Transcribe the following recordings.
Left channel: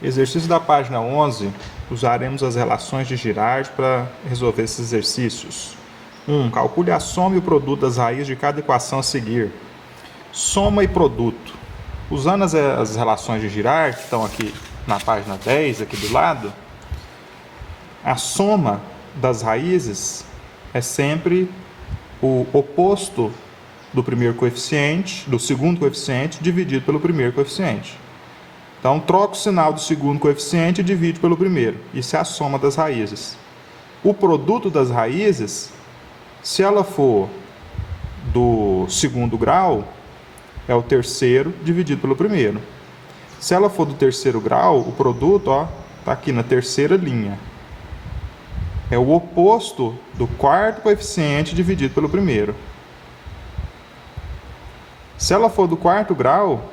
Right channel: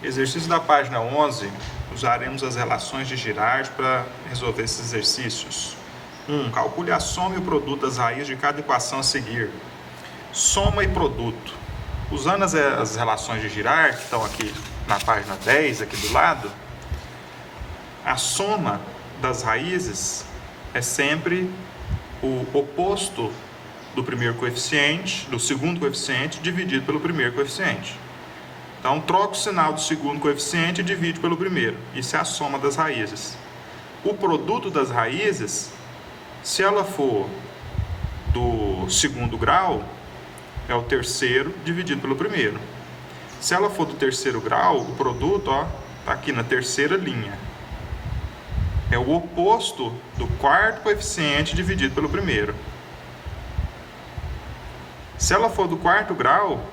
Exercício da página 11, usaremos as relações de Girard para resolver esses exercícios. 1. Calcule a soma e o produto das raízes de cada equação a seguir. Soma e produto. Usando as relações de Girard, que estão aqui na página 10, aqui do lado, a soma das raízes é sempre o oposto do primeiro coeficiente, do segundo coeficiente, dividido pelo primeiro coeficiente. Então, troca o sinal do segundo coeficiente e divide pelo primeiro. Isso é a soma das raízes. O produto das raízes, se ela for do segundo grau, é o terceiro dividido pelo primeiro. Se ela for do terceiro grau, o produto está aqui na terceira linha. É o oposto do quarto coeficiente dividido pelo primeiro. Se ela for do quarto grau,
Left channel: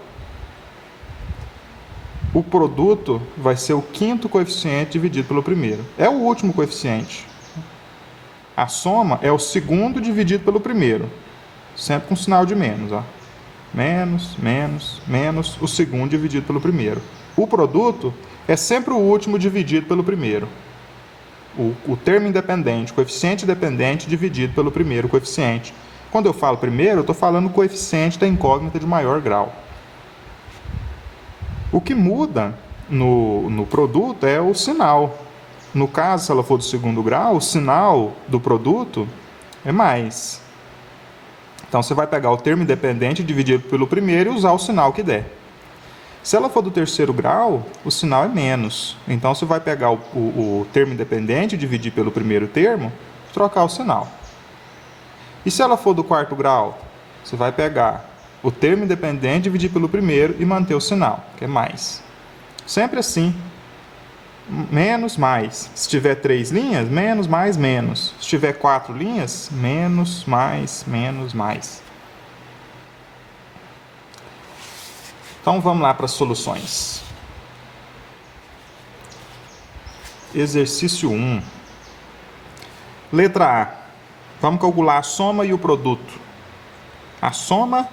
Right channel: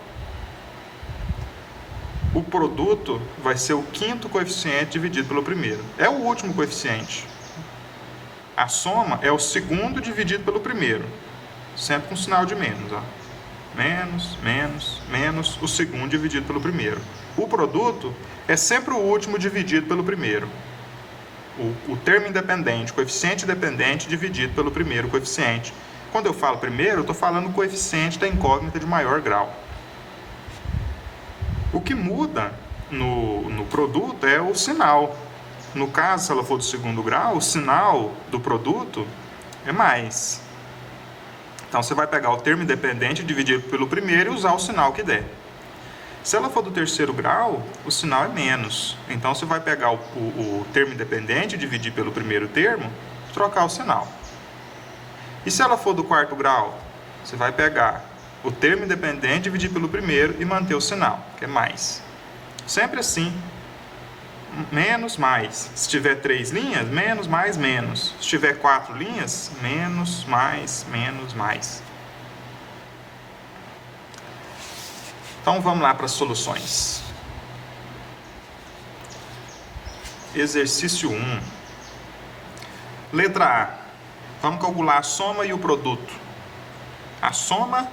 o produto vai ser o quinto coeficiente dividido pelo primeiro. É o último coeficiente. A soma é o segundo dividido pelo primeiro. Sempre com sinal de menos. Menos, menos, menos, o segundo dividido pelo primeiro. O produto é sempre o último dividido pelo primeiro. O termo independente, coeficiente dependente dividido pelo primeiro coeficiente. Quando eu falo primeiro, eu estou falando o coeficiente da incógnita de maior grau. O que muda no produto é o sinal. No caso, se ela for do segundo grau, o sinal do produto é mais. Então, você vai pegar o termo independente dividido pelo primeiro e usar o sinal que der. Se ela for do terceiro grau, o sinal é menos. Então, você vai pegar o termo independente, dividir pelo primeiro termo, e trocar o sinal. E se ela for do quarto grau, você vai pegar o termo independente, dividir pelo primeiro e manter o sinal, que é mais. Sempre assim. Menos, mais. Se tiver 3 linhas, menos, mais, menos. Se tiver 4 linhas, menos, mais, menos, mais. Então, vamos lá para as soluções. Exercício 1. Letra A. Vamos calcular a soma e o produto. A soma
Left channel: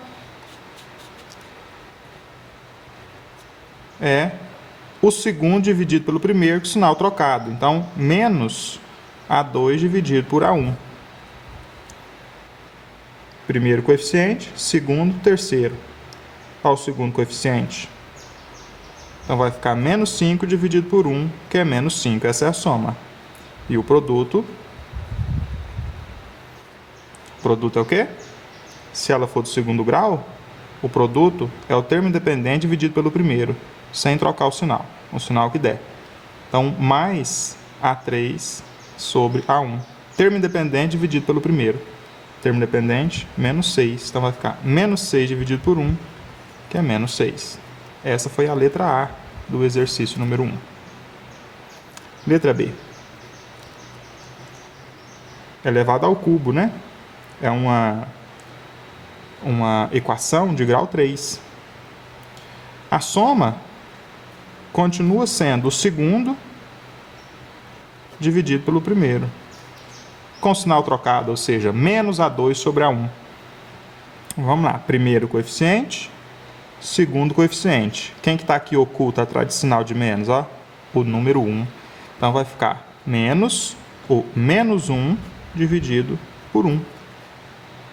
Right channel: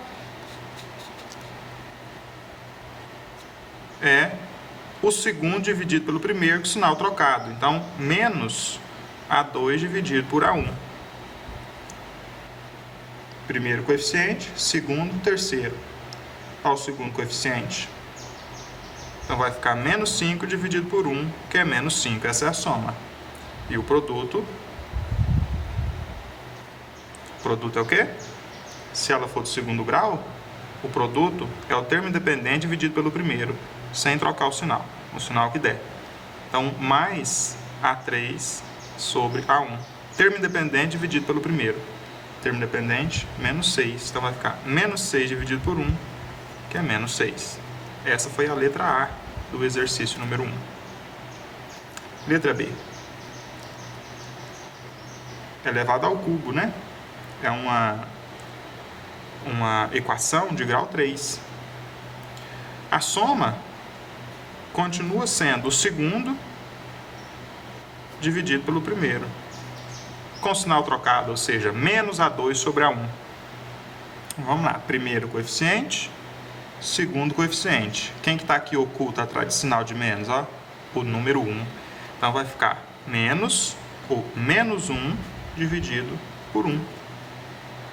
é o segundo dividido pelo primeiro com sinal trocado. Então, menos A2 dividido por A1. Primeiro coeficiente, segundo, terceiro. Qual o segundo coeficiente? Então, vai ficar menos 5 dividido por 1, que é menos 5. Essa é a soma. E o produto? O produto é o quê? Se ela for do segundo grau, o produto é o termo independente dividido pelo primeiro, sem trocar o sinal que der. Então, mais A3 sobre A1. Termo independente dividido pelo primeiro. Termo independente, menos 6. Então, vai ficar menos 6 dividido por 1, que é menos 6. Essa foi a letra A do exercício número 1. Letra B. Elevado ao cubo, né? É uma equação de grau 3. A soma continua sendo o segundo dividido pelo primeiro, com sinal trocado, ou seja, menos A2 sobre A1. Vamos lá, primeiro coeficiente, segundo coeficiente. Quem que está aqui oculto atrás de sinal de menos? O número 1. Então, vai ficar menos o menos 1 dividido por 1.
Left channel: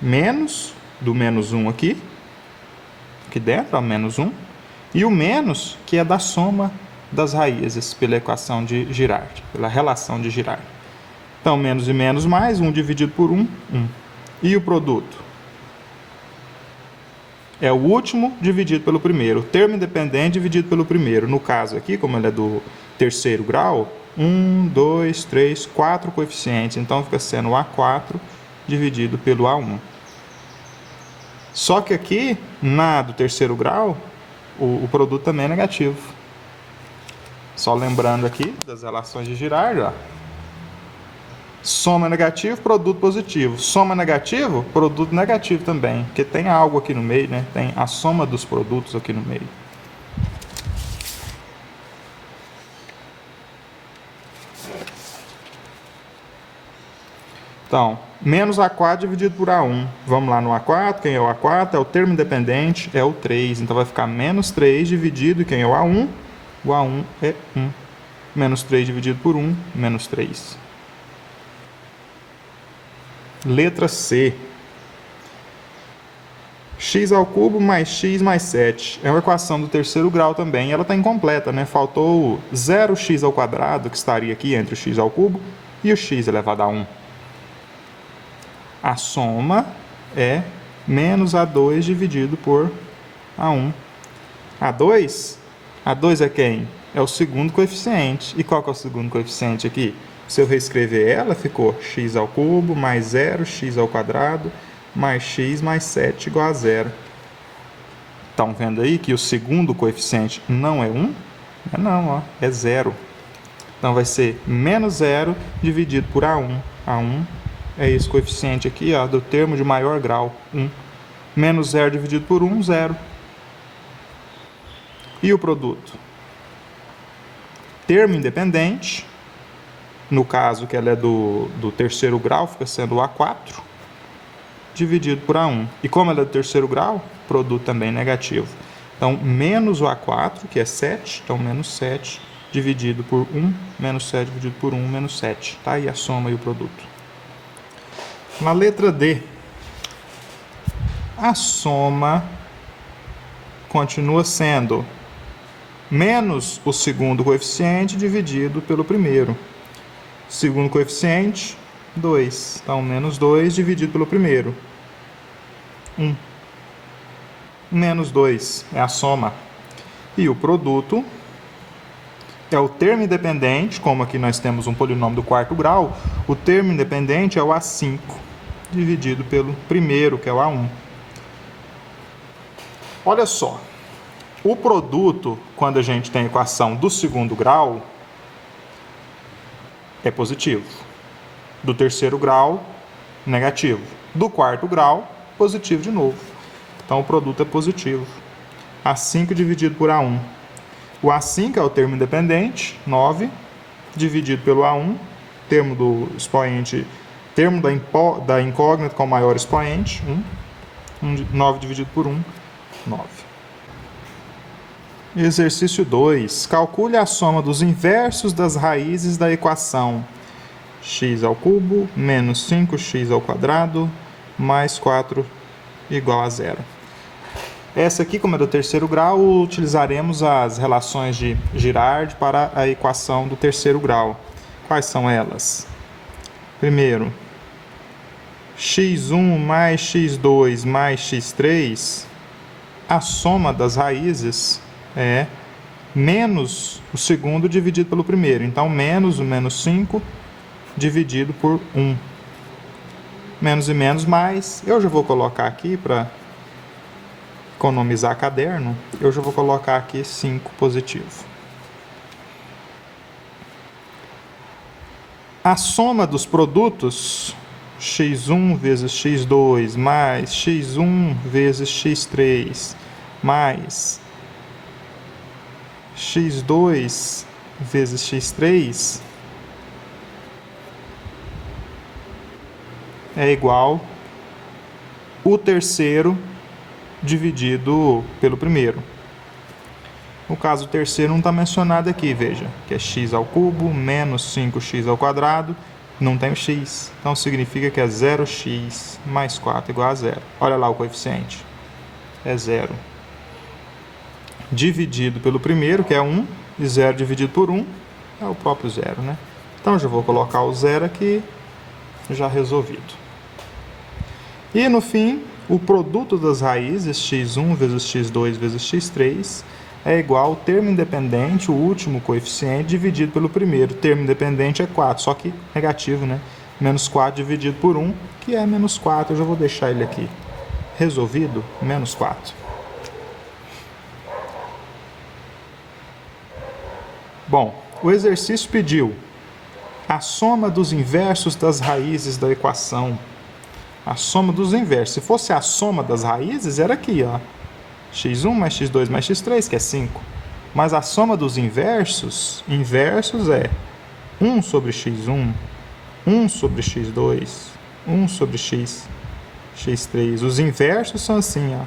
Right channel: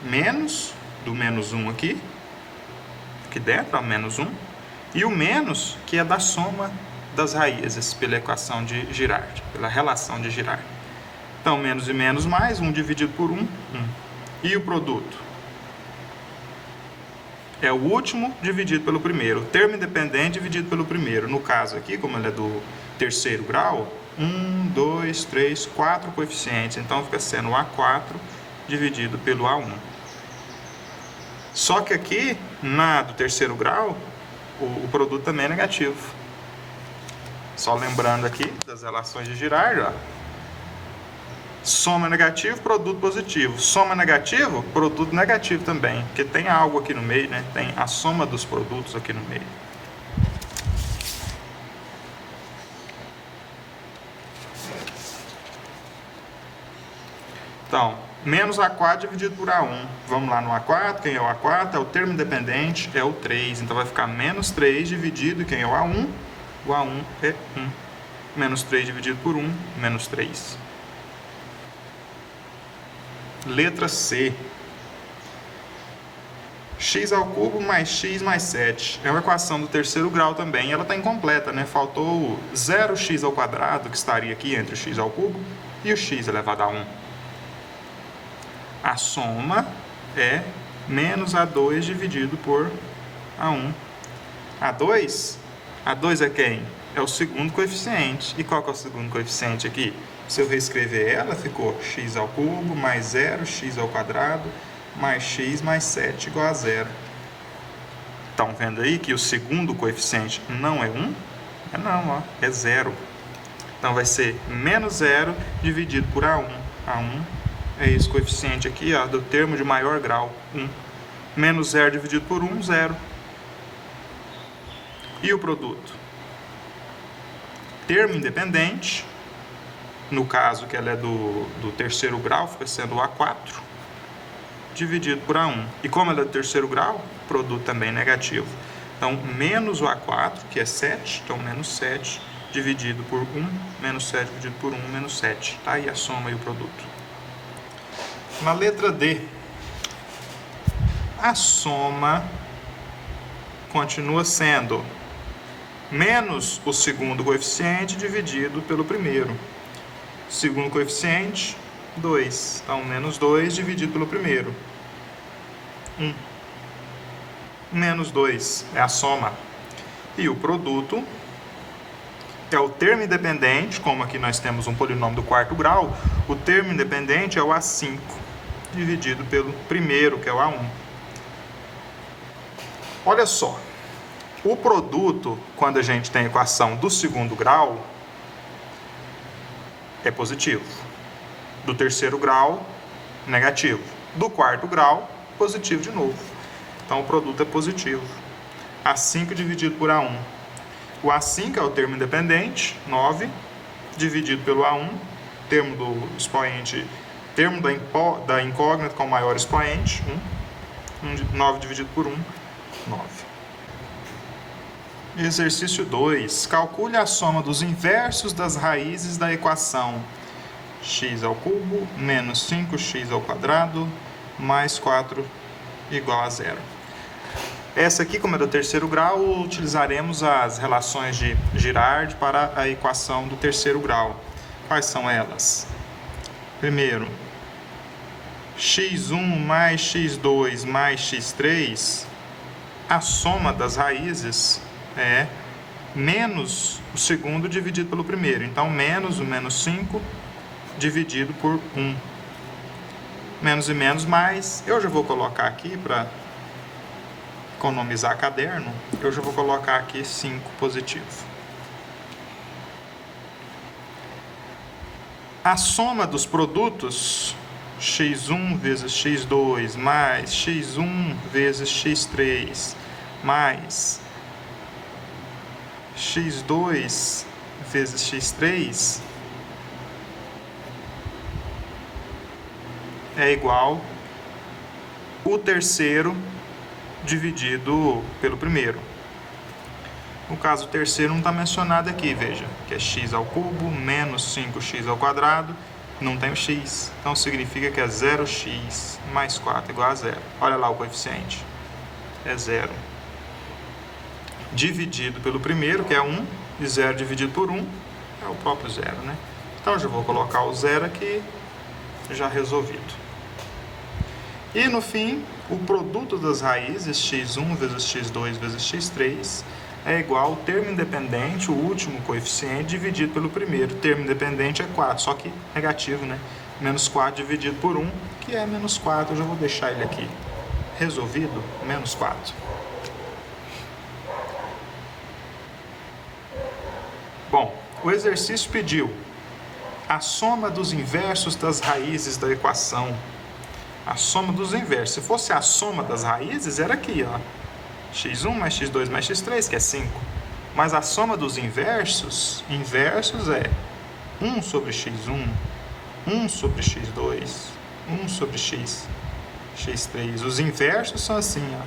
Menos do menos 1 aqui, dentro, menos 1. E o menos, que é da soma das raízes, pela equação de Girard, pela relação de Girard. Então, menos e menos mais, 1 dividido por 1, 1. E o produto? É o último dividido pelo primeiro. O termo independente dividido pelo primeiro. No caso aqui, como ele é do terceiro grau, 1, 2, 3, 4 coeficientes. Então, fica sendo o A4 dividido pelo A1. Só que aqui, na do terceiro grau, o produto também é negativo. Só lembrando aqui das relações de Girard, soma negativo, produto positivo. Soma negativo, produto negativo também, porque tem algo aqui no meio, né? Tem a soma dos produtos aqui no meio. Então, menos A4 dividido por A1. Vamos lá no A4. Quem é o A4? É o termo independente, é o 3. Então, vai ficar menos 3 dividido, quem é o A1? O A1 é 1. Menos 3 dividido por 1, menos 3. Letra C. X ao cubo mais x mais 7. É uma equação do terceiro grau também. Ela está incompleta, né? Faltou 0x ao quadrado, que estaria aqui entre o x ao cubo, e o x elevado a 1. A soma é menos A2 dividido por A1. A2? A2 é quem? É o segundo coeficiente. E qual que é o segundo coeficiente aqui? Se eu reescrever ela, ficou x ao cubo mais 0x ao quadrado mais x mais 7 igual a 0. Estão vendo aí que o segundo coeficiente não é 1? Não, ó, é 0. Então vai ser menos 0 dividido por A1. A1 é esse coeficiente aqui, ó, do termo de maior grau, 1. Menos 0 dividido por 1, 0. E o produto? Termo independente, no caso que ela é do terceiro grau, fica sendo A4, dividido por A1. E como ela é do terceiro grau, produto também negativo. Então, menos o A4, que é 7, então menos 7, dividido por 1, menos 7 dividido por 1, menos 7. Tá aí a soma e o produto. Na letra D, a soma continua sendo menos o segundo coeficiente dividido pelo primeiro. Segundo coeficiente, 2. Então, menos 2 dividido pelo primeiro. 1. Menos 2 é a soma. E o produto é o termo independente, como aqui nós temos um polinômio do quarto grau, o termo independente é o A5, dividido pelo primeiro, que é o A1. Olha só, o produto, quando a gente tem a equação do segundo grau, é positivo. Do terceiro grau, negativo. Do quarto grau, positivo de novo. Então, o produto é positivo. A5 dividido por A1. O A5 é o termo independente, 9, dividido pelo A1, termo do expoente, termo da incógnita com o maior expoente, 9 dividido por 1, 9. Exercício 2. Calcule a soma dos inversos das raízes da equação x ao cubo menos 5x ao quadrado mais 4 igual a 0. Essa aqui, como é do terceiro grau, utilizaremos as relações de Girard para a equação do terceiro grau. Quais são elas? Primeiro, x1 mais x2 mais x3, a soma das raízes é menos o segundo dividido pelo primeiro. Então, menos o menos 5 dividido por 1. Menos e menos, mais. Eu já vou colocar aqui para economizar caderno. Eu já vou colocar aqui 5 positivo. A soma dos produtos, x1 vezes x2 mais x1 vezes x3 mais x2 vezes x3 é igual o terceiro dividido pelo primeiro. No caso, o terceiro não está mencionado aqui, veja, que é x ao cubo menos 5x ao quadrado, não tem o x, então significa que é 0x mais 4 igual a 0. Olha lá o coeficiente, é 0. Dividido pelo primeiro, que é 1, e 0 dividido por 1 é o próprio 0, né? Então, eu já vou colocar o 0 aqui, já resolvido. E, no fim, o produto das raízes, x1 vezes x2 vezes x3, é igual ao termo independente, o último coeficiente, dividido pelo primeiro. O termo independente é 4, só que negativo, né? Menos 4 dividido por 1, que é menos 4. Eu já vou deixar ele aqui. Resolvido, menos 4. Bom, o exercício pediu a soma dos inversos das raízes da equação. A soma dos inversos. Se fosse a soma das raízes, era aqui, ó. x1 mais x2 mais x3, que é 5. Mas a soma dos inversos é 1 sobre x1, 1 sobre x2, 1 sobre x3. Os inversos são assim, ó,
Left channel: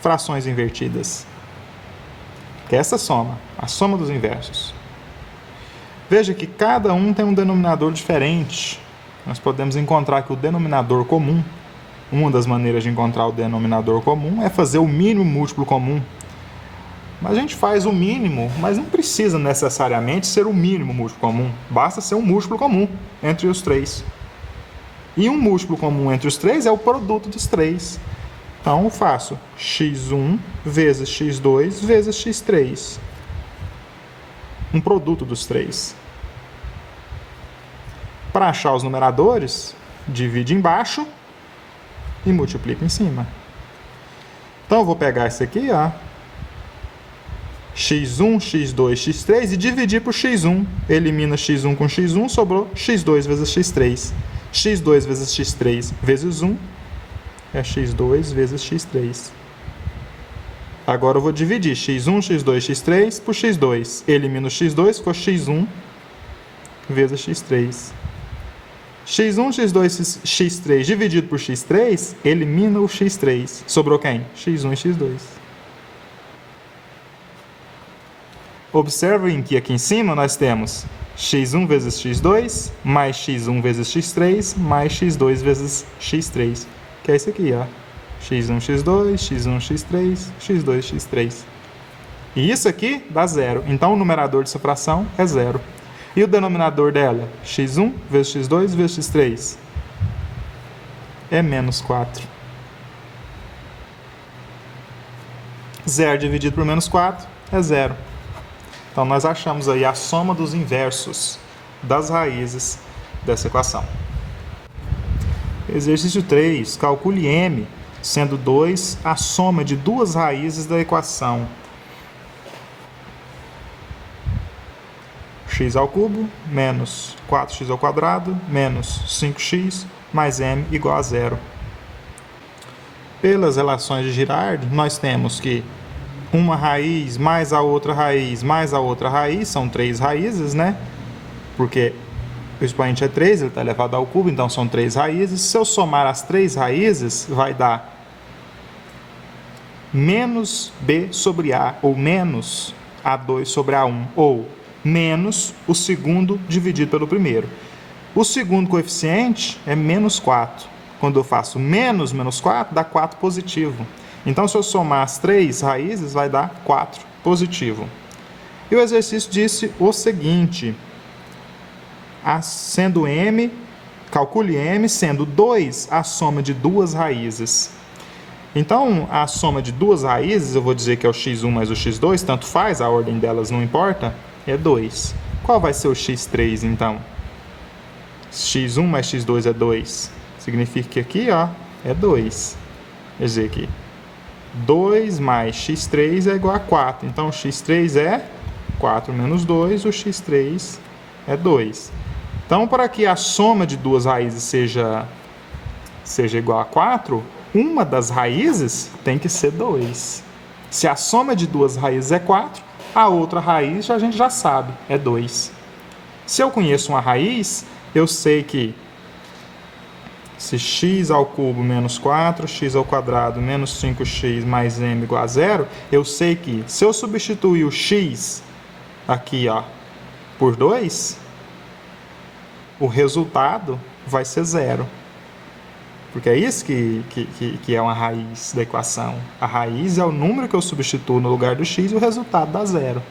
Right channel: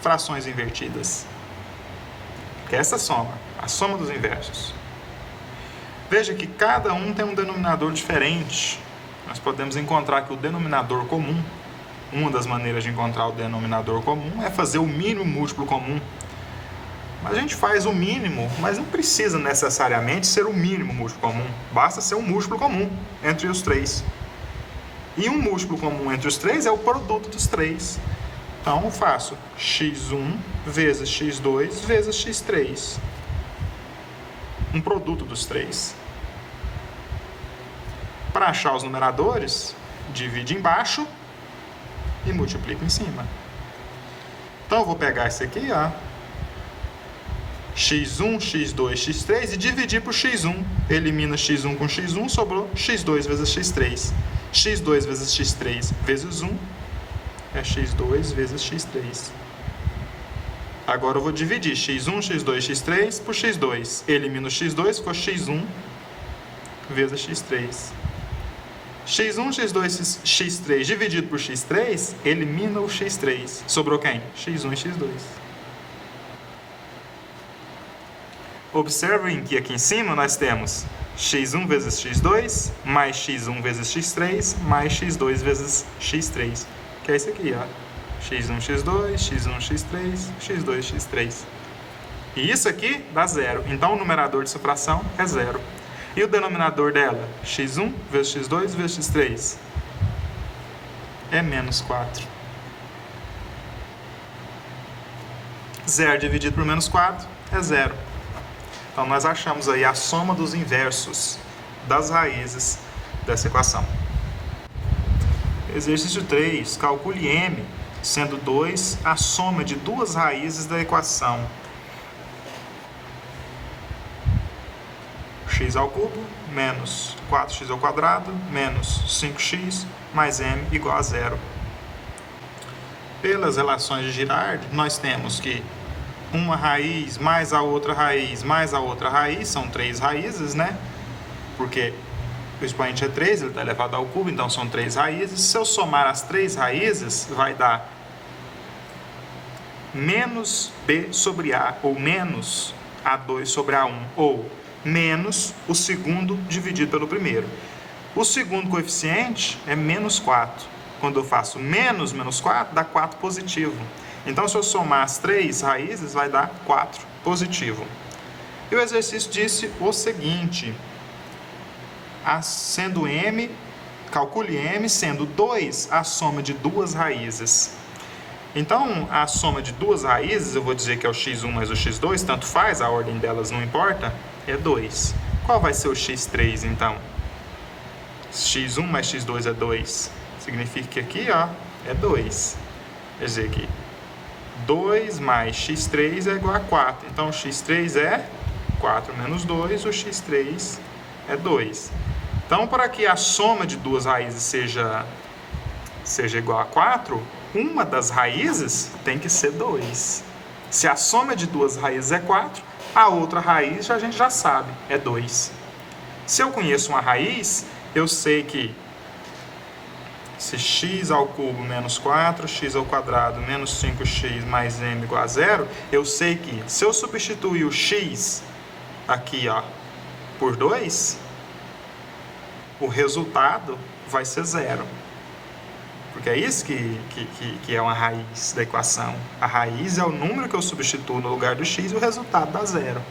frações invertidas. que é essa soma, a soma dos inversos. Veja que cada um tem um denominador diferente. Nós podemos encontrar que o denominador comum, uma das maneiras de encontrar o denominador comum é fazer o mínimo múltiplo comum. Mas a gente faz o mínimo, mas não precisa necessariamente ser o mínimo múltiplo comum. Basta ser um múltiplo comum entre os três. E um múltiplo comum entre os três é o produto dos três. Então eu faço x1 vezes x2 vezes x3. Um produto dos três. Para achar os numeradores, divide embaixo e multiplica em cima. Então eu vou pegar esse aqui, ó, x1, x2, x3 e dividir por x1. Elimina x1 com x1, sobrou x2 vezes x3. x2 vezes x3 vezes 1 é x2 vezes x3. Agora eu vou dividir x1, x2, x3 por x2. Elimino x2, ficou x1 vezes x3. x1, x2, x3 dividido por x3, elimina o x3. Sobrou quem? x1 e x2. Observem que aqui em cima nós temos x1 vezes x2, mais x1 vezes x3, mais x2 vezes x3. Que é isso aqui, ó. x1, x2, x1, x3, x2, x3. E isso aqui dá zero. Então o numerador dessa fração é zero. E o denominador dela? x1 vezes x2 vezes x3. É menos 4. 0 dividido por menos 4 é zero. Então nós achamos aí a soma dos inversos das raízes dessa equação. Exercício 3. Calcule m, sendo 2 a soma de duas raízes da equação x ao cubo menos 4x ao quadrado menos 5x mais m igual a zero. Pelas relações de Girard, nós temos que uma raiz mais a outra raiz mais a outra raiz, são três raízes, né? Porque o expoente é 3, ele está elevado ao cubo, então são três raízes. Se eu somar as três raízes, vai dar menos b sobre a, ou menos a2 sobre a1, ou menos o segundo dividido pelo primeiro. O segundo coeficiente é menos 4. Quando eu faço menos 4, dá 4 positivo. Então, se eu somar as três raízes, vai dar 4 positivo. E o exercício disse o seguinte: sendo m, calcule m, sendo 2 a soma de duas raízes. Então, a soma de duas raízes, eu vou dizer que é o x1 mais o x2, tanto faz, a ordem delas não importa, é 2. Qual vai ser o x3, então? x1 mais x2 é 2. Significa que aqui, ó, é 2. Quer dizer que 2 mais x3 é igual a 4. Então, o x3 é 4 menos 2, o x3 é 2. Então, para que a soma de duas raízes seja igual a 4, uma das raízes tem que ser 2. Se a soma de duas raízes é 4, a outra raiz a gente já sabe, é 2. Se eu conheço uma raiz, eu sei que se x ao cubo menos 4, x ao quadrado menos 5x mais m igual a 0, eu sei que se eu substituir o x aqui, ó, por 2, o resultado vai ser 0. Porque é isso que é uma raiz da equação. A raiz é o número que eu substituo no lugar do x e o resultado dá 0.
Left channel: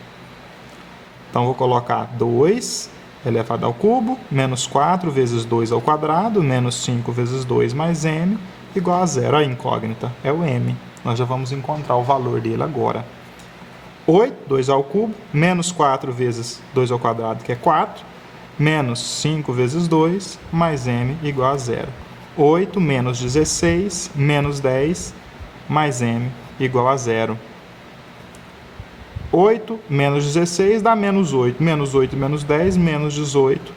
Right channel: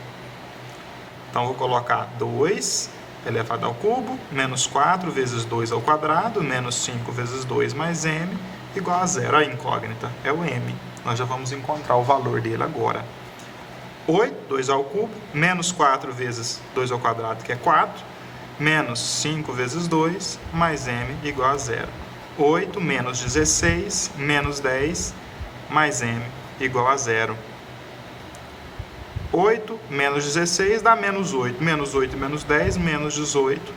Então, vou colocar 2 elevado ao cubo, menos 4 vezes 2 ao quadrado, menos 5 vezes 2 mais m, igual a 0. A incógnita é o m. Nós já vamos encontrar o valor dele agora. 8, 2 ao cubo, menos 4 vezes 2 ao quadrado, que é 4, menos 5 vezes 2, mais m igual a 0. 8 menos 16, menos 10, mais m igual a 0. 8 menos 16 dá menos 8. Menos 8 menos 10, menos 18,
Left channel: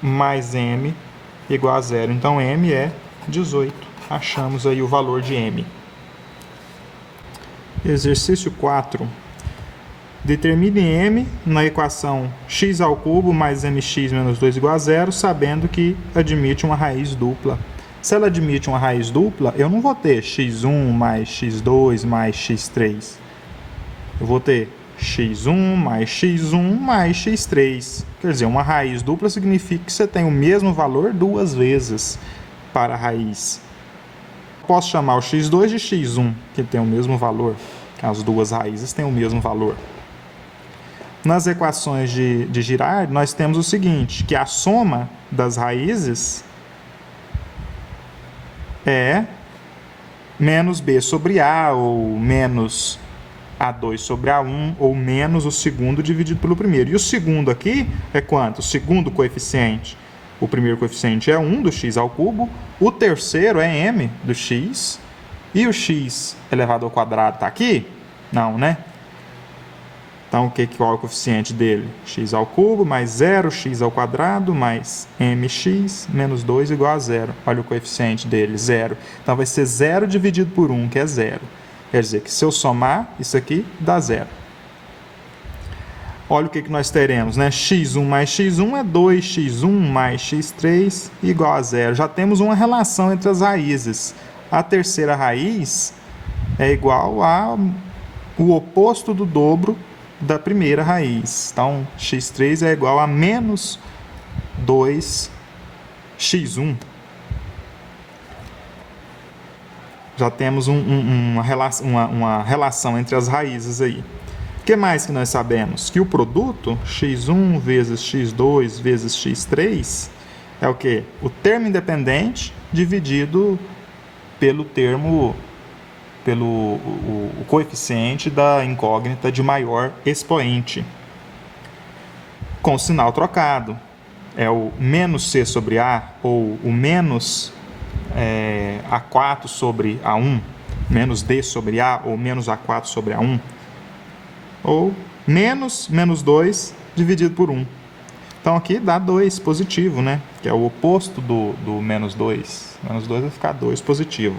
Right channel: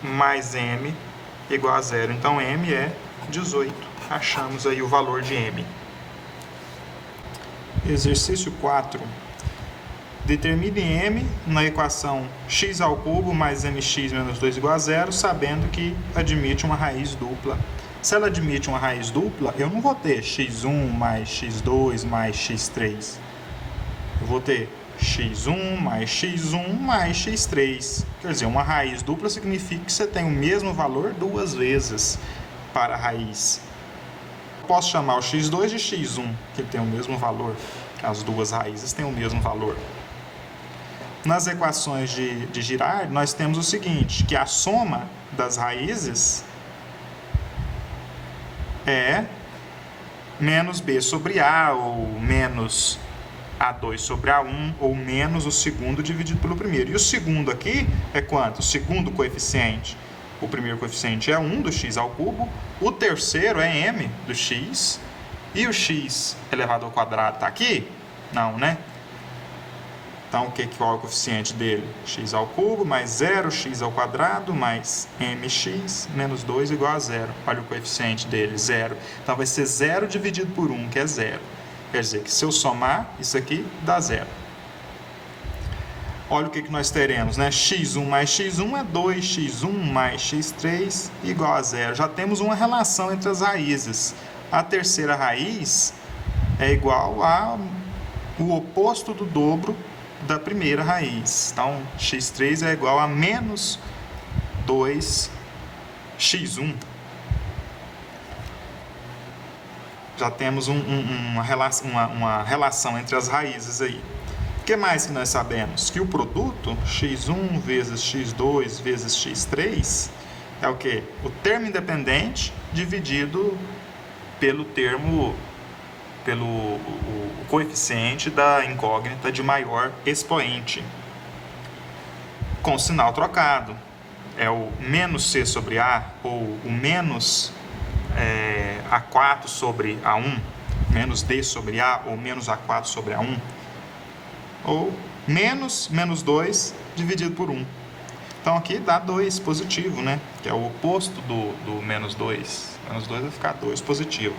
mais m igual a 0. Então, m é 18. Achamos aí o valor de m. Exercício 4. Determine m na equação x ao cubo mais mx menos 2 igual a 0, sabendo que admite uma raiz dupla. Se ela admite uma raiz dupla, eu não vou ter x1 mais x2 mais x3. eu vou ter x1 mais x1 mais x3. Quer dizer, uma raiz dupla significa que você tem o mesmo valor duas vezes para a raiz. Posso chamar o x2 de x1, que tem o mesmo valor. As duas raízes têm o mesmo valor. Nas equações de Girard, nós temos o seguinte, que a soma das raízes é menos b sobre a, ou menos a2 sobre a1, ou menos o segundo dividido pelo primeiro. E o segundo aqui é quanto? O segundo coeficiente. O primeiro coeficiente é 1 do x ao cubo, o terceiro é m do x, e o x elevado ao quadrado está aqui? Não, né? Então, qual é o coeficiente dele? X ao cubo mais 0, x ao quadrado, mais mx menos 2 igual a 0. Olha o coeficiente dele, 0. Então, vai ser 0 dividido por 1, que é 0. Quer dizer que se eu somar isso aqui, dá 0. Olha o que nós teremos, né? x1 mais x1 é 2x1 mais x3 igual a 0. Já temos uma relação entre as raízes. A terceira raiz é igual ao oposto do dobro da primeira raiz. Então, x3 é igual a menos 2x1. Já temos uma relação entre as raízes aí. O que mais que nós sabemos? Que o produto x1 vezes x2 vezes x3 é o quê? O termo independente dividido pelo o coeficiente da incógnita de maior expoente, com sinal trocado. É o menos c sobre a, ou o menos a4 sobre a1, menos d sobre a, ou menos a4 sobre a1, ou menos 2 dividido por 1. Então aqui dá 2 positivo, né? Que é o oposto do menos 2. Menos 2 vai ficar 2 positivo.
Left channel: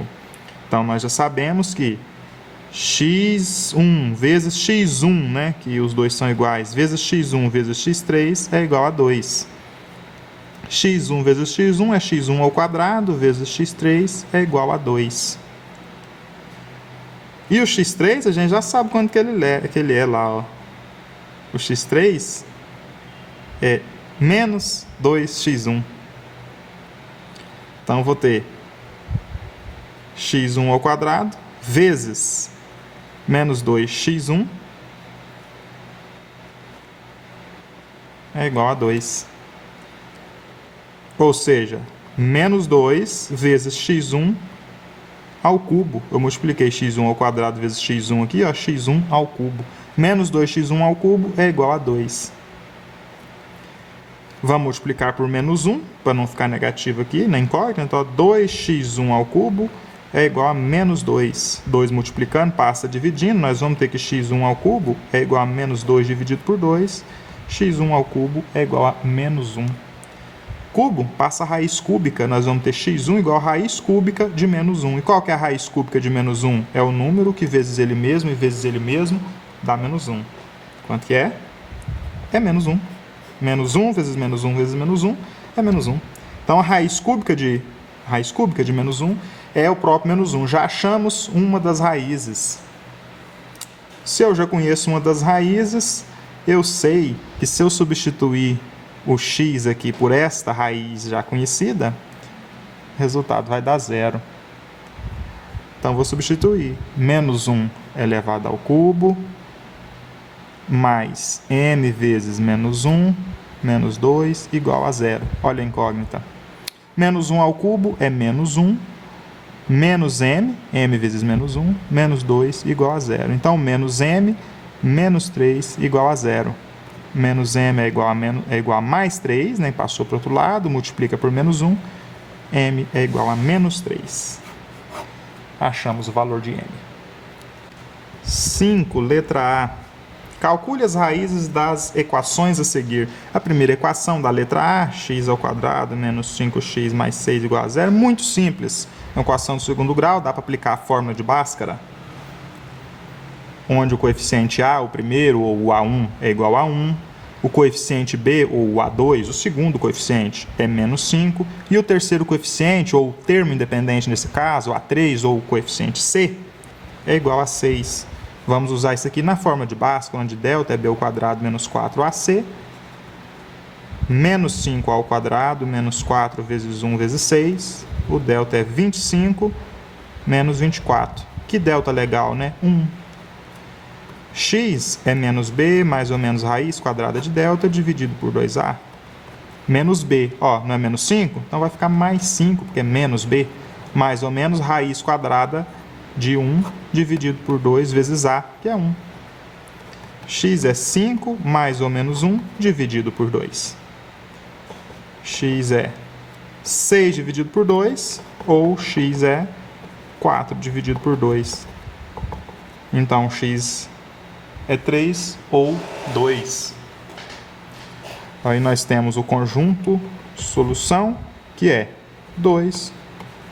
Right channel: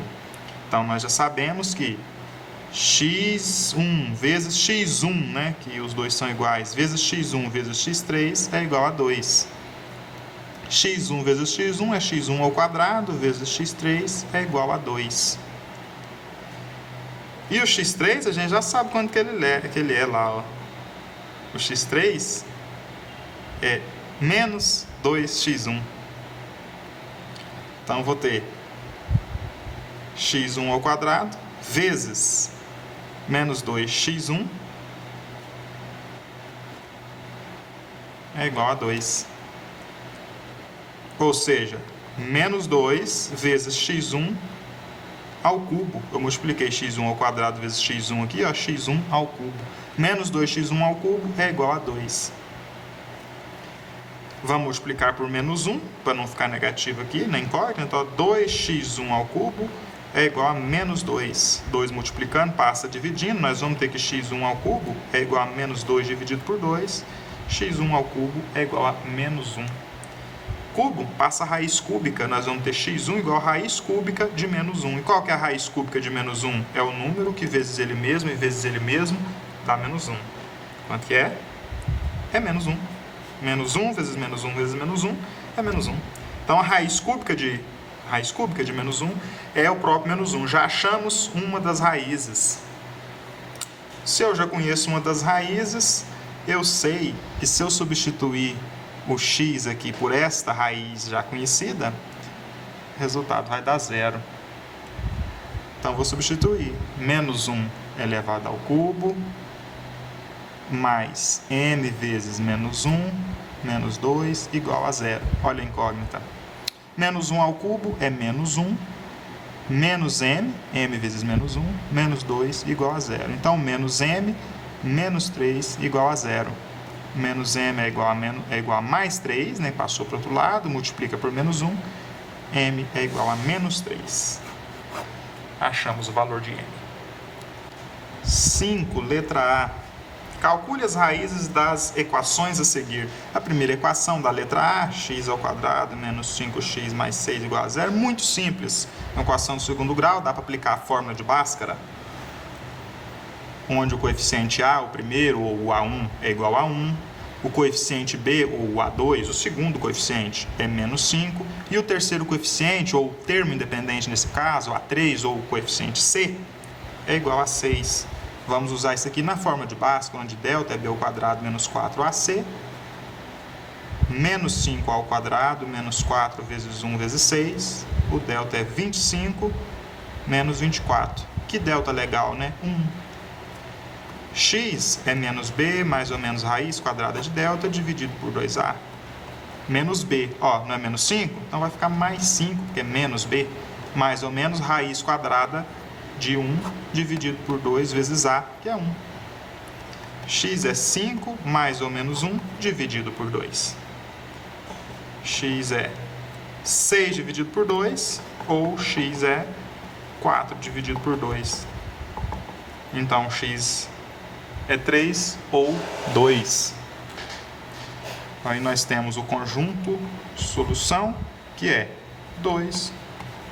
Então, nós já sabemos que x1 vezes x1, né, que os dois são iguais, vezes x1 vezes x3 é igual a 2. x1 vezes x1 é x1 ao quadrado, vezes x3 é igual a 2. E o x3, a gente já sabe quanto que ele é lá, ó. O x3 é menos 2x1. Então, eu vou ter x1 ao quadrado vezes menos 2x1 é igual a 2. Ou seja, menos 2 vezes x1 ao cubo. Eu multipliquei x1 ao quadrado vezes x1 aqui, ó, x1 ao cubo. Menos 2x1 ao cubo é igual a 2. Vamos multiplicar por menos 1, para não ficar negativo aqui na incógnita. Então, 2x1 ao cubo é igual a menos 2. 2 multiplicando, passa dividindo. Nós vamos ter que x1 ao cubo é igual a menos 2 dividido por 2. x1 ao cubo é igual a menos 1. Cubo, passa a raiz cúbica. Nós vamos ter x1 igual a raiz cúbica de menos 1. E qual que é a raiz cúbica de menos 1? É o número que vezes ele mesmo e vezes ele mesmo dá menos 1. Quanto que é? É menos 1. Menos 1 vezes menos 1 vezes menos 1 é menos 1. Então, a raiz cúbica de menos 1 é o próprio menos 1. Já achamos uma das raízes. Se eu já conheço uma das raízes, eu sei que se eu substituir o x aqui por esta raiz já conhecida, o resultado vai dar 0. Então, vou substituir. Menos 1 elevado ao cubo, mais m vezes menos 1, menos 2, igual a 0. Olha a incógnita. Menos 1 ao cubo é menos 1, menos m, m vezes menos 1, menos 2 igual a 0. Então, menos m, menos 3 igual a 0. Menos m é igual a mais 3, né? Passou para o outro lado, multiplica por menos 1, m é igual a menos 3. Achamos o valor de m. 5, letra A. Calcule as raízes das equações a seguir. A primeira equação da letra A, x ao quadrado menos 5x mais 6 igual a 0. Muito simples. Uma equação do segundo grau, dá para aplicar a fórmula de Bhaskara, onde o coeficiente A, o primeiro, ou o A1, é igual a 1. O coeficiente B, ou o A2, o segundo coeficiente, é menos 5. E o terceiro coeficiente, ou o termo independente nesse caso, o A3, ou o coeficiente C, é igual a 6. Vamos usar isso aqui na forma de Bhaskara, onde delta é b ao quadrado menos 4ac, menos 5 ao quadrado menos 4 vezes 1 vezes 6, o delta é 25 menos 24. Que delta legal, né? 1. X é menos b, mais ou menos raiz quadrada de delta, dividido por 2a. Menos b, ó, não é menos 5? Então vai ficar mais 5, porque é menos b, mais ou menos raiz quadrada de 1 dividido por 2 vezes a, que é 1. X é 5 mais ou menos 1 dividido por 2. X é 6 dividido por 2, ou x é 4 dividido por 2. Então, x é 3 ou 2. Aí nós temos o conjunto solução, que é 2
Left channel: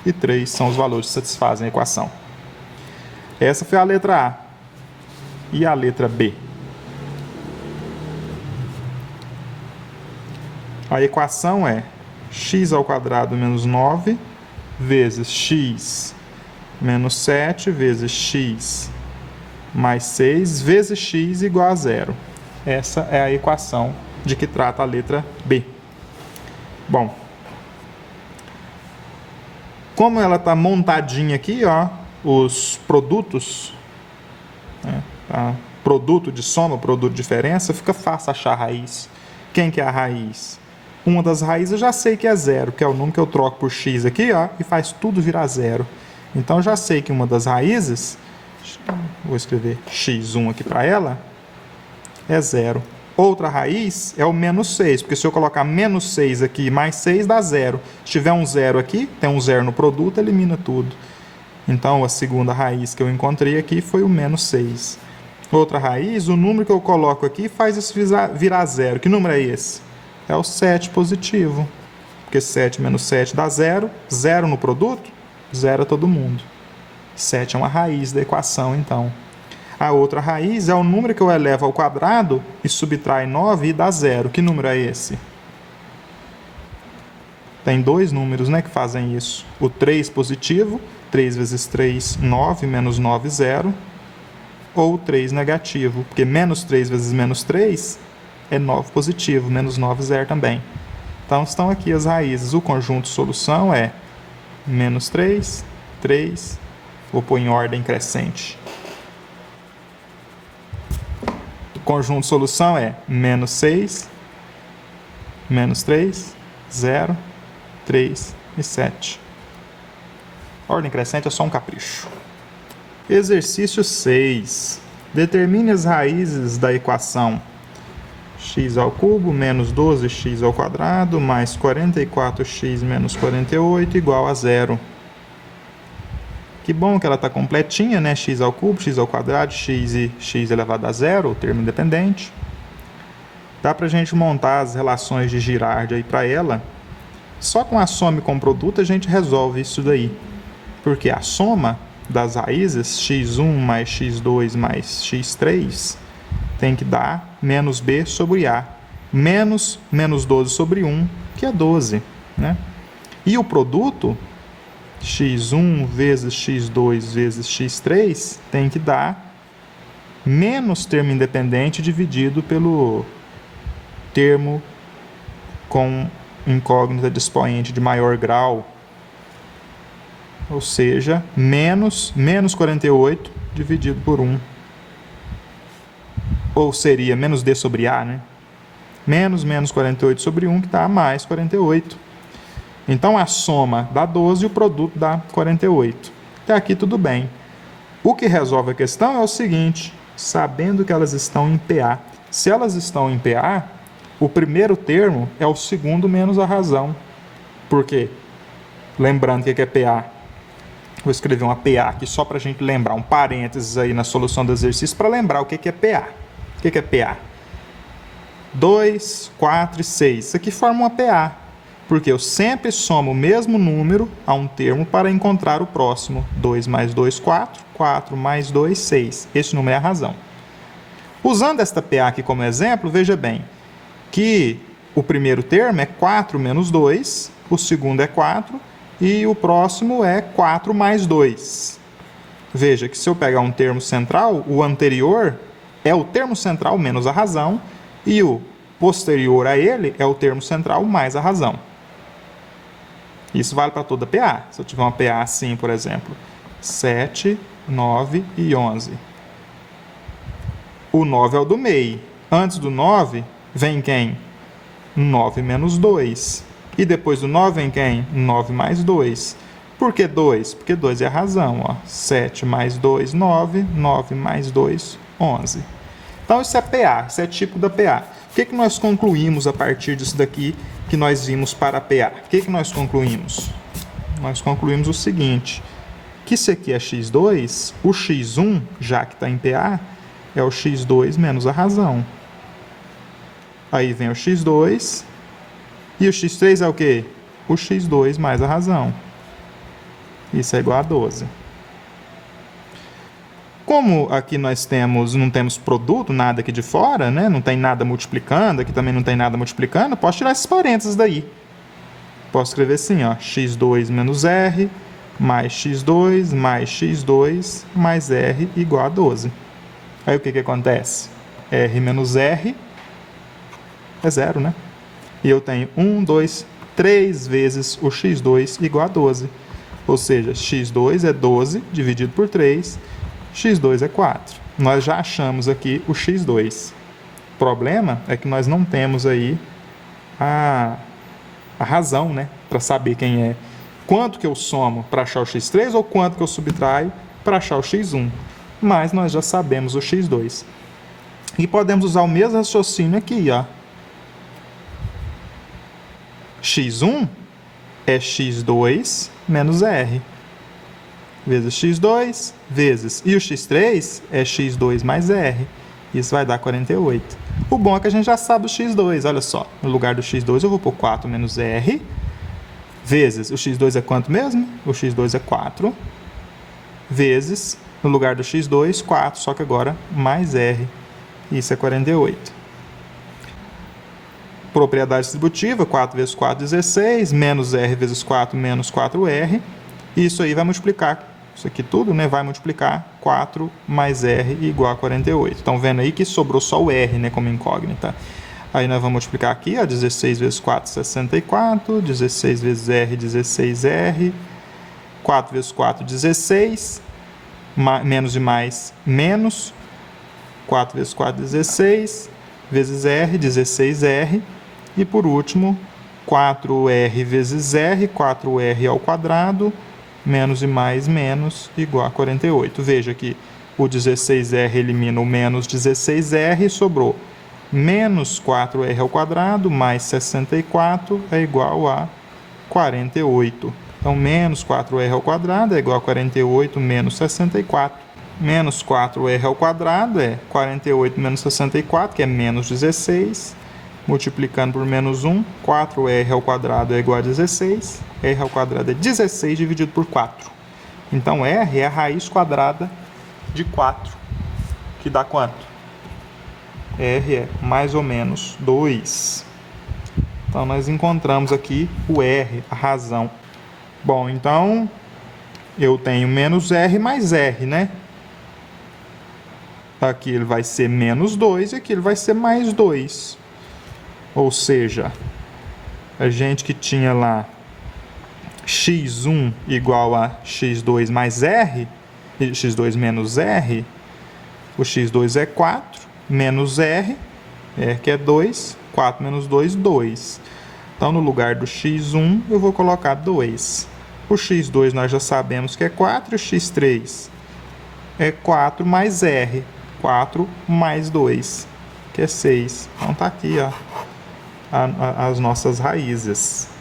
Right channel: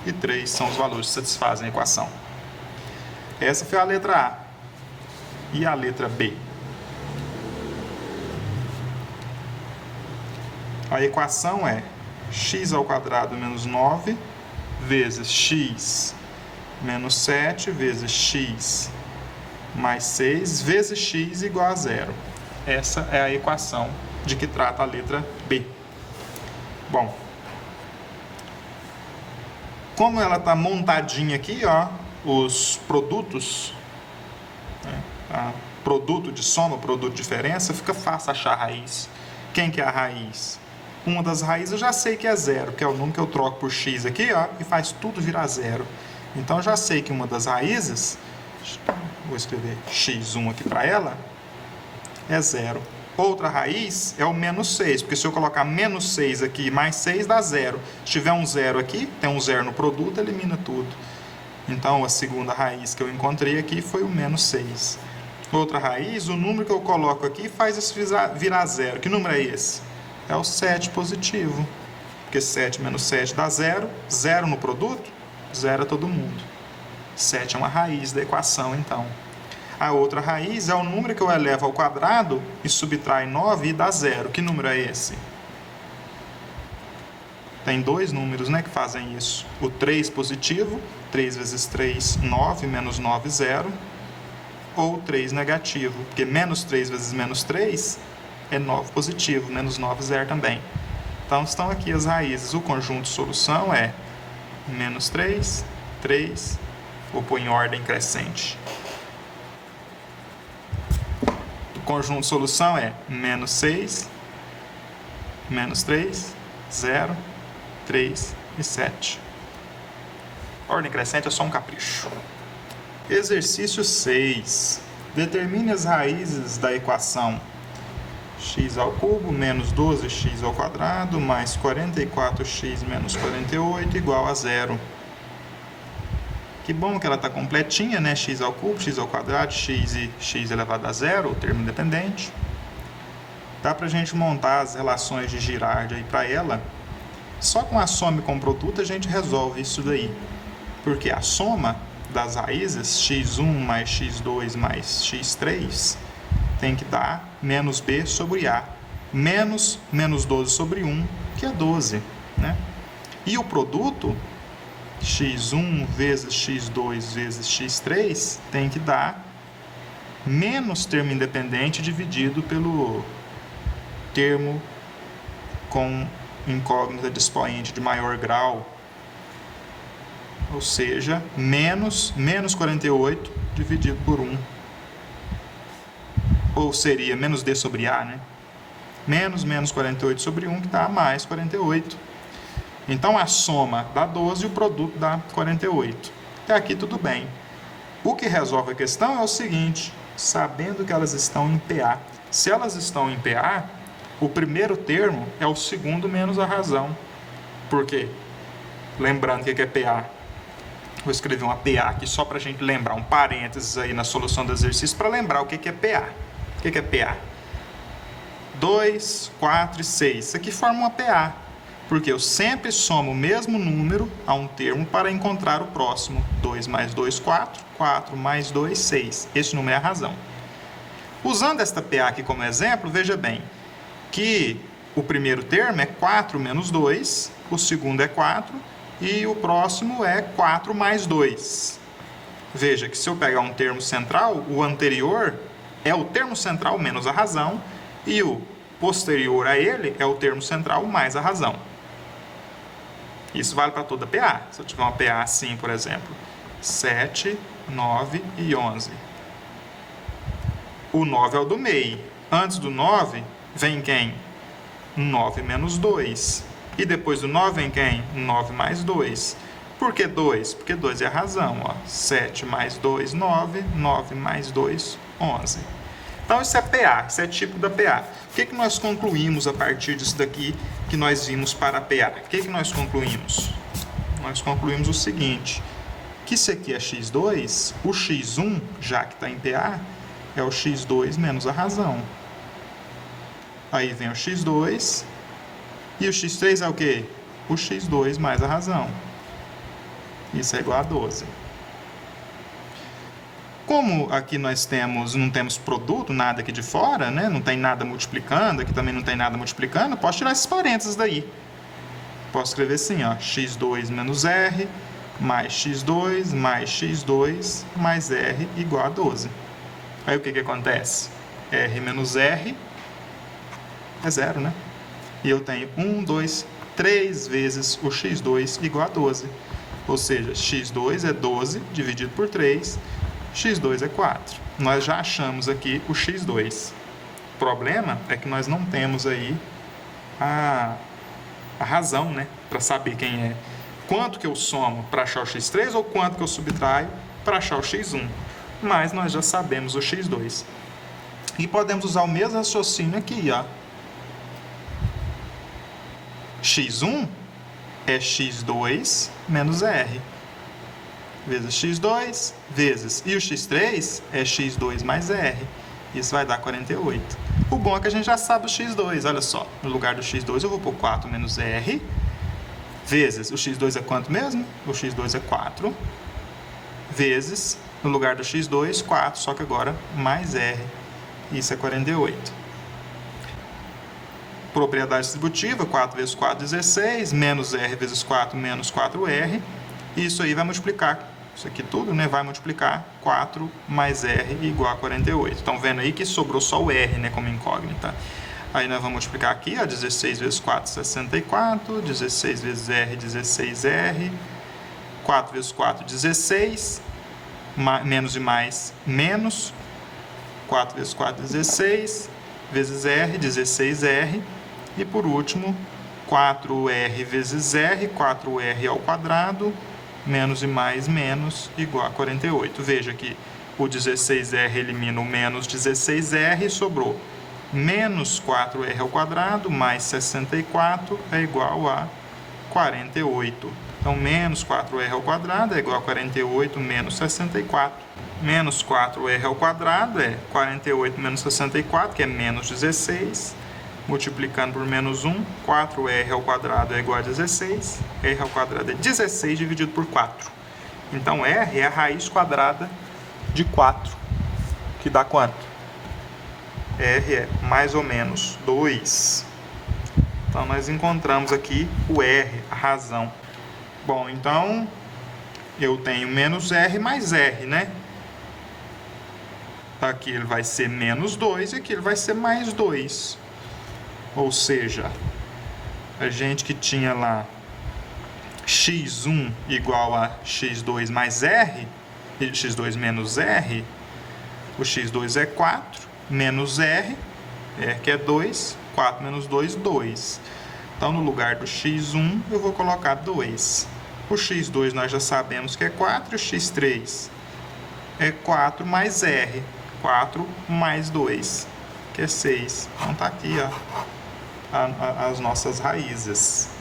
e 3 são os valores que satisfazem a equação. Essa foi a letra A. E a letra B? A equação é x ao quadrado menos 9 vezes x menos 7 vezes x mais 6 vezes x igual a 0. Essa é a equação de que trata a letra B. Bom, como ela está montadinha aqui, ó, os produtos, né, tá? Produto de soma, produto de diferença, fica fácil achar a raiz. Quem que é a raiz? Uma das raízes eu já sei que é 0, que é o número que eu troco por x aqui, ó, e faz tudo virar 0. Então, eu já sei que uma das raízes, vou escrever x1 aqui para ela, é 0. Outra raiz é o menos 6, porque se eu colocar menos 6 aqui mais 6 dá 0. Se tiver um 0 aqui, tem um 0 no produto, elimina tudo. Então, a segunda raiz que eu encontrei aqui foi o menos 6. Outra raiz, o número que eu coloco aqui faz isso virar 0. Que número é esse? É o 7 positivo. Porque 7 menos 7 dá 0. 0 no produto, 0 a todo mundo. 7 é uma raiz da equação, então. A outra raiz é o número que eu elevo ao quadrado e subtrai 9 e dá 0. Que número é esse? Tem dois números, né, que fazem isso. O 3 positivo, 3 vezes 3, 9, menos 9, 0. Ou o 3 negativo, porque menos 3 vezes menos 3 é 9 positivo, menos 9, 0 também. Então, estão aqui as raízes. O conjunto de solução é menos 3, 3, vou pôr em ordem crescente. O conjunto de solução é menos 6, menos 3, 0, 3 e 7. A ordem crescente é só um capricho. Exercício 6. Determine as raízes da equação x ao cubo menos 12x ao quadrado mais 44x menos 48 igual a 0. Que bom que ela está completinha, né? X ao cubo, x ao quadrado, x e x elevado a 0, o termo independente. Dá para a gente montar as relações de Girard aí para ela. Só com a soma e com o produto a gente resolve isso daí. Porque a soma das raízes, x1 mais x2 mais x3, tem que dar menos b sobre a. Menos 12 sobre 1, que é 12. Né? E o produto, x1 vezes x2 vezes x3, tem que dar menos termo independente dividido pelo termo com incógnita de expoente de maior grau. Ou seja, menos 48 dividido por 1. Ou seria menos d sobre a, né? Menos 48 sobre 1, que dá mais 48. Então, a soma dá 12 e o produto dá 48. Até aqui tudo bem. O que resolve a questão é o seguinte, sabendo que elas estão em PA. Se elas estão em PA, o primeiro termo é o segundo menos a razão. Por quê? Lembrando o que é PA. Vou escrever uma PA aqui só para a gente lembrar, um parênteses aí na solução do exercício para lembrar o que é PA. O que é PA? 2, 4 e 6. Isso aqui forma uma PA, porque eu sempre somo o mesmo número a um termo para encontrar o próximo. 2 mais 2, 4. 4 mais 2, 6. Esse número é a razão. Usando esta PA aqui como exemplo, veja bem que o primeiro termo é 4 menos 2, o segundo é 4 e o próximo é 4 mais 2. Veja que se eu pegar um termo central, o anterior é o termo central menos a razão, e o posterior a ele é o termo central mais a razão. Isso vale para toda PA. Se eu tiver uma PA assim, por exemplo, 7, 9 e 11. O 9 é o do meio. Antes do 9, vem quem? 9 menos 2. E depois do 9 vem quem? 9 mais 2. Por que 2? Porque 2 é a razão. Ó. 7 mais 2, 9. 9 mais 2, 11. Então, isso é PA. Isso é tipo da PA. O que nós concluímos a partir disso daqui que nós vimos para a PA? O que nós concluímos? Nós concluímos o seguinte, que isso aqui é x2, o x1, já que está em PA, é o x2 menos a razão. Aí vem o x2, e o x3 é o quê? O x2 mais a razão. Isso é igual a 12. Como aqui nós não temos produto, nada aqui de fora, né? Não tem nada multiplicando, aqui também não tem nada multiplicando, posso tirar esses parênteses daí. Posso escrever assim, ó, x2 menos r, mais x2 mais r igual a 12. Aí o que acontece? R menos r é zero, né? E eu tenho 1, 2, 3 vezes o x2 igual a 12. Ou seja, x2 é 12 dividido por 3, x2 é 4. Nós já achamos aqui o x2. O problema é que nós não temos aí a razão, né? Para saber quem é. Quanto que eu somo para achar o x3 ou quanto que eu subtraio para achar o x1. Mas nós já sabemos o x2. E podemos usar o mesmo raciocínio aqui, ó. x1 é x2 menos r. Vezes x2, vezes. E o x3 é x2 mais r. Isso vai dar 48. O bom é que a gente já sabe o x2. Olha só, no lugar do x2 eu vou pôr 4 menos r. Vezes, o x2 é quanto mesmo? O x2 é 4. Vezes, no lugar do x2, 4, só que agora mais r. Isso é 48. Propriedade distributiva, 4 vezes 4, 16. Menos r vezes 4, menos 4r. Isso aí vai multiplicar. Isso aqui tudo, né, vai multiplicar 4 mais r igual a 48. Estão vendo aí que sobrou só o r, né, como incógnita. Aí nós vamos multiplicar aqui, ó, 16 vezes 4, 64. 16 vezes r, 16r. 4 vezes 4, 16. Menos e mais, menos. 4 vezes 4, 16. Vezes r, 16r. E por último, 4r vezes r, 4r ao quadrado. Menos e mais, menos, igual a 48. Veja que o 16r elimina o menos 16r e sobrou menos 4r ao quadrado mais 64 é igual a 48. Então, menos 4r ao quadrado é igual a 48 menos 64. Menos 4r ao quadrado é 48 menos 64, que é menos 16. Multiplicando por menos 1, 4r ao quadrado é igual a 16. R ao quadrado é 16 dividido por 4. Então, R é a raiz quadrada de 4. Que dá quanto? R é mais ou menos 2. Então, nós encontramos aqui o R, a razão. Bom, então, eu tenho menos R mais R, né? Aqui ele vai ser menos 2 e aqui ele vai ser mais 2. Ou seja, a gente que tinha lá x1 igual a x2 mais r, e x2 menos r, o x2 é 4, menos r, que é 2, 4 menos 2, 2. Então, no lugar do x1, eu vou colocar 2. O x2 nós já sabemos que é 4, e o x3 é 4 mais r, 4 mais 2, que é 6. Então, tá aqui, ó, as nossas raízes.